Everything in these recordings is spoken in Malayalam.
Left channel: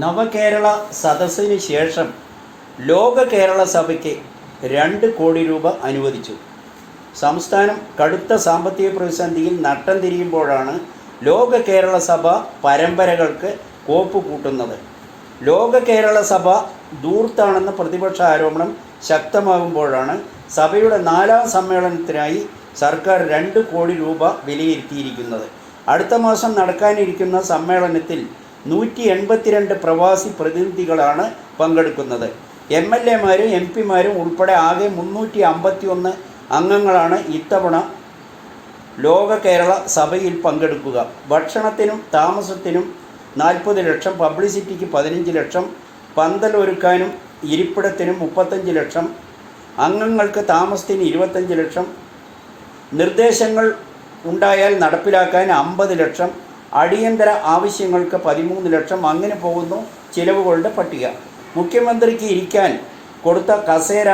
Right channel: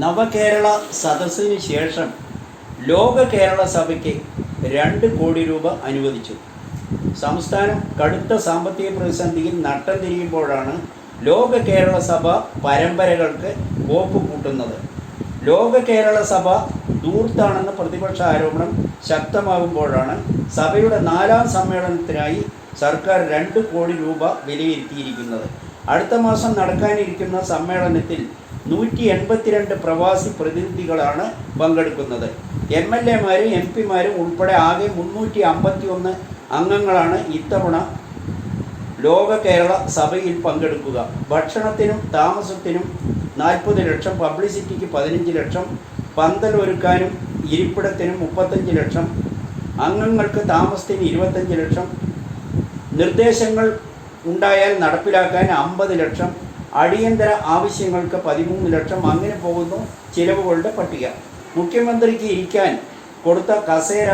നവകേരള സദസ്സിന് ശേഷം ലോക കേരള സഭയ്ക്ക് 2 കോടി രൂപ അനുവദിച്ചു. സംസ്ഥാനം കടുത്ത സാമ്പത്തിക പ്രതിസന്ധിയിൽ നട്ടം തിരിയുമ്പോഴാണ് ലോക കേരള സഭ പരമ്പരകൾക്ക് കോപ്പ് കൂട്ടുന്നത്. ലോക കേരള സഭ ധൂർത്താണെന്ന പ്രതിപക്ഷ ആരോപണം ശക്തമാകുമ്പോഴാണ് സഭയുടെ 4ാം സമ്മേളനത്തിനായി സർക്കാർ 2 കോടി രൂപ വിലയിരുത്തിയിരിക്കുന്നത്. അടുത്ത മാസം നടക്കാനിരിക്കുന്ന സമ്മേളനത്തിൽ 182 പ്രവാസി പ്രതിനിധികളാണ് പങ്കെടുക്കുന്നത്. MLA-മാരും MP-മാരും ഉൾപ്പെടെ ആകെ 351 അംഗങ്ങളാണ് ഇത്തവണ ലോക കേരള സഭയിൽ പങ്കെടുക്കുക. ഭക്ഷണത്തിനും താമസത്തിനും 40 ലക്ഷം, പബ്ലിസിറ്റിക്ക് 15 ലക്ഷം, പന്തലൊരുക്കാനും ഇരിപ്പിടത്തിനും 35 ലക്ഷം, അംഗങ്ങൾക്ക് താമസത്തിന് 25 ലക്ഷം, നിർദ്ദേശങ്ങൾ ഉണ്ടായാൽ നടപ്പിലാക്കാൻ 50 ലക്ഷം, അടിയന്തര ആവശ്യങ്ങൾക്ക് 13 ലക്ഷം. അങ്ങനെ പോകുന്നു ചിലവുകളുടെ പട്ടിക. മുഖ്യമന്ത്രിക്ക് ഇരിക്കാൻ കൊടുത്ത കസേര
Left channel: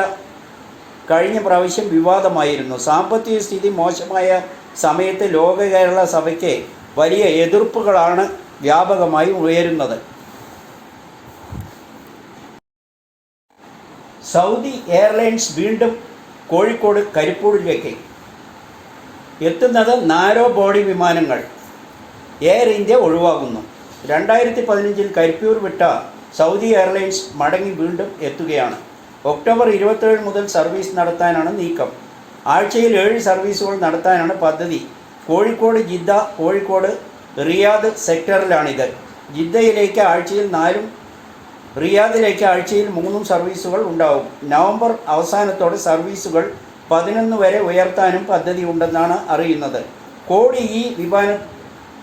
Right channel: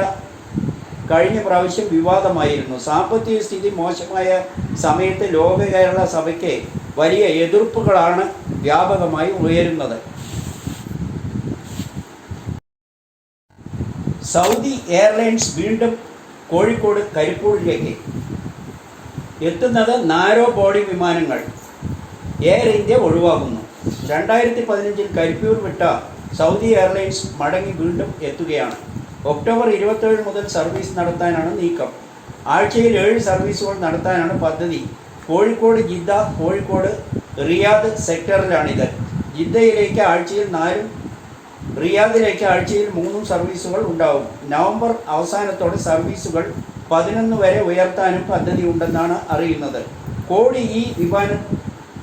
കഴിഞ്ഞ പ്രാവശ്യം വിവാദമായിരുന്നു. സാമ്പത്തിക സ്ഥിതി മോശമായ സമയത്ത് ലോക കേരള സഭയ്ക്ക് വലിയ എതിർപ്പുകളാണ് വ്യാപകമായി ഉയരുന്നത്. സൗദി എയർലൈൻസ് വീണ്ടും കോഴിക്കോട് കരിപ്പൂരിലേക്ക് എത്തുന്നത് നാരോ ബോഡി വിമാനങ്ങൾ എയർ ഇന്ത്യ ഒഴിവാക്കുന്നു. 2015 കരിപ്പൂർ വിട്ട സൗദി എയർലൈൻസ് മടങ്ങി വീണ്ടും എത്തുകയാണ്. ഒക്ടോബർ 27 മുതൽ സർവീസ് നടത്താനാണ് നീക്കം. ആഴ്ചയിൽ 7 സർവീസുകൾ നടത്താനാണ് പദ്ധതി. കോഴിക്കോട് ജിദ്ദ, കോഴിക്കോട് റിയാദ് സെക്ടറിലാണിത്. ജിദ്ദയിലേക്ക് ആഴ്ചയിൽ 4ഉം റിയാദിലേക്ക് ആഴ്ചയിൽ 3ഉം സർവീസുകൾ ഉണ്ടാവും. നവംബർ അവസാനത്തോടെ സർവീസുകൾ 11 വരെ ഉയർത്താനും പദ്ധതി ഉണ്ടെന്നാണ് അറിയുന്നത്. കോടി ഈ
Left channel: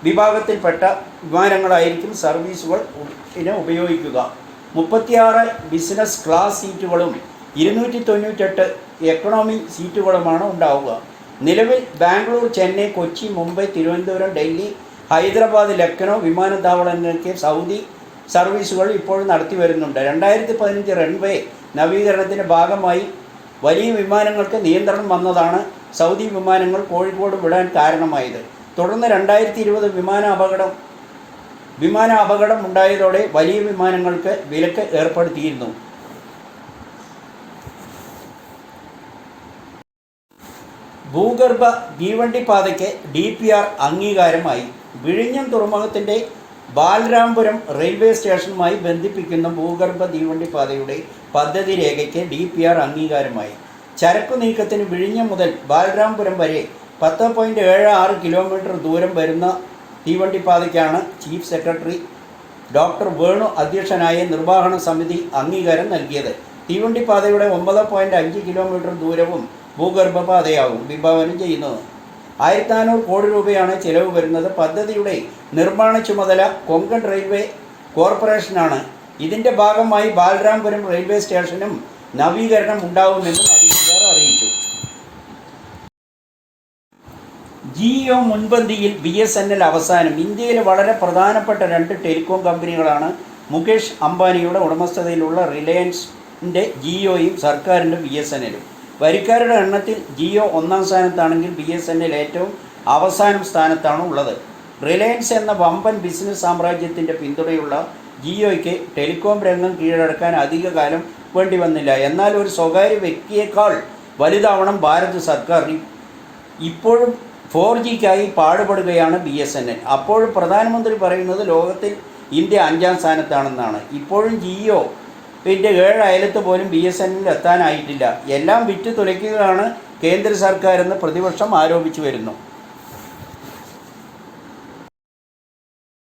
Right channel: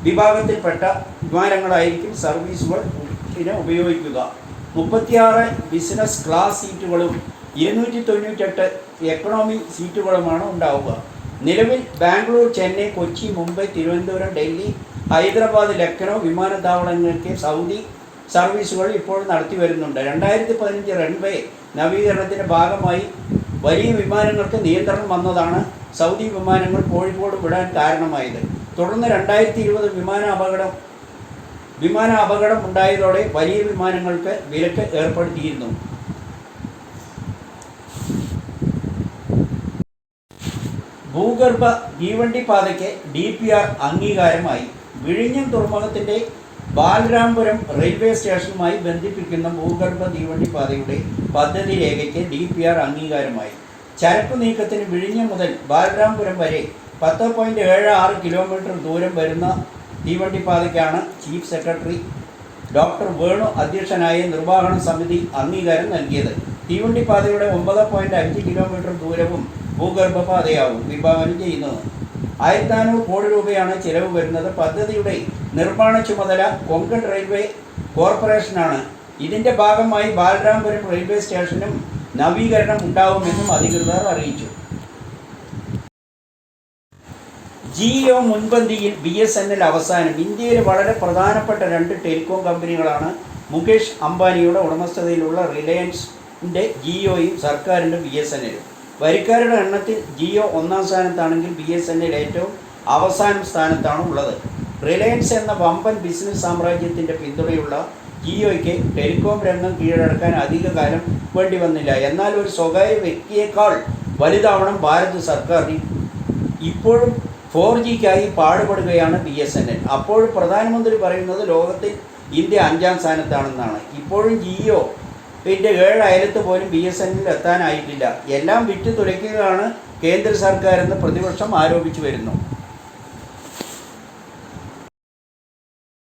വിഭാഗത്തിൽപ്പെട്ട വിമാനങ്ങളായിരിക്കും സർവീസുകൾ ഉപയോഗിക്കുക. 36 ബിസിനസ് ക്ലാസ് സീറ്റുകളും 298 എക്കണോമി സീറ്റുകളുമാണ് ഉണ്ടാവുക. നിലവിൽ ബാംഗ്ലൂർ, ചെന്നൈ, കൊച്ചി, മുംബൈ, തിരുവനന്തപുരം, ഡൽഹി, ഹൈദരാബാദ്, ലക്നൗ വിമാനത്താവളങ്ങൾക്ക് സൗദി സർവീസുകൾ ഇപ്പോൾ നടത്തി വരുന്നുണ്ട്. 2015 റൺവേ നവീകരണത്തിൻ്റെ ഭാഗമായി വലിയ വിമാനങ്ങൾക്ക് നിയന്ത്രണം വന്നതാണ് സൗദി വിമാനങ്ങൾ കോഴിക്കോട് വിടാൻ കാരണമായത്. തുടർന്ന് 2020 വിമാന അപകടം ഉണ്ടായതോടെ വലിയ വിമാനങ്ങൾക്ക് വിലക്ക് ഏർപ്പെടുത്തിയിരുന്നു. ഭൂഗർഭ തീവണ്ടി പാതയ്ക്ക് DPR അംഗീകാരമായി. വിഴിഞ്ഞം തുറമുഖത്തിൻ്റെ ബാലരാമപുരം റെയിൽവേ സ്റ്റേഷനുമായി ബന്ധിപ്പിക്കുന്ന ഭൂഗർഭ തീവണ്ടി പാതയുടെ പദ്ധതി രേഖയ്ക്ക് DPR അംഗീകാരമായി. ചരക്കു നീക്കത്തിന് വിഴിഞ്ഞം മുതൽ ബാലരാമപുരം വരെ 10.76 കിലോമീറ്റർ ദൂരം വരുന്ന തീവണ്ടിപ്പാതയ്ക്കാണ് ചീഫ് സെക്രട്ടറി ഡോക്ടർ വേണു അധ്യക്ഷനായ നിർവ്വഹണ സമിതി അംഗീകാരം നൽകിയത്. തീവണ്ടിപ്പാതയുടെ 9.5 കിലോമീറ്റർ ദൂരവും ഭൂഗർഭപാതയാവും വിഭാവനം ചെയ്യുന്നത്. 1400 കോടി രൂപയാണ് ചെലവ് വരുന്നത്. പദ്ധതിയുടെ നിർമ്മാണ ചുമതല കൊങ്കൺ റെയിൽവേ കോർപ്പറേഷനാണ്. ഇതിന്റെ ഭാഗമായി ബാലരാമപുരം റെയിൽവേ സ്റ്റേഷനും നവീകരണം ഉണ്ടാകുമെന്നും അധികൃതർ അറിയിച്ചു. ജിയോ മുൻപന്തിയിൽ, BSNL അവസാനം. ഇന്ത്യയിലെ വളരെ പ്രധാനപ്പെട്ട 2 ടെലികോം കമ്പനികളാണ് മുകേഷ് അംബാനിയുടെ ഉടമസ്ഥതയിലുള്ള റിലയൻസിൻ്റെ ജിയോയും സർക്കാരിൻ്റെ BSNL. വരിക്കാരുടെ എണ്ണത്തിൽ ജിയോ 1ാം സ്ഥാനത്താണെങ്കിൽ BSNL ഏറ്റവും അവസാന സ്ഥാനത്താണ് ഉള്ളത്. റിലയൻസ് എന്ന വമ്പൻ ബിസിനസ് സാമ്രാജ്യത്തിൻ്റെ പിന്തുണയുള്ള ജിയോയ്ക്ക് ടെലികോം രംഗം കീഴടക്കാൻ അധികകാലം വേണ്ടി വന്നില്ല. എന്നാൽ ഒരു സ്വകാര്യ വ്യക്തിയേക്കാൾ വലുതാവണം ഭാരത സർക്കാർ. ഇപ്പോഴും 4Gക്കായി പാടുപെടുകയാണ് BSNL. അപ്പോഴും പ്രധാനമന്ത്രി പറയുന്നത് ലോകത്തിൽ ഇന്ത്യ 5ാം സ്ഥാനത്താണെന്നാണ്. ഇപ്പോഴും ജിയോ 7 അയലത്ത് പോലും BSNL എത്താനായിട്ടില്ല. എല്ലാം വിറ്റ് തുലയ്ക്കുകയാണ് കേന്ദ്ര സർക്കാരെന്ന് പ്രതിപക്ഷം ആരോപിച്ചു വരുന്നു.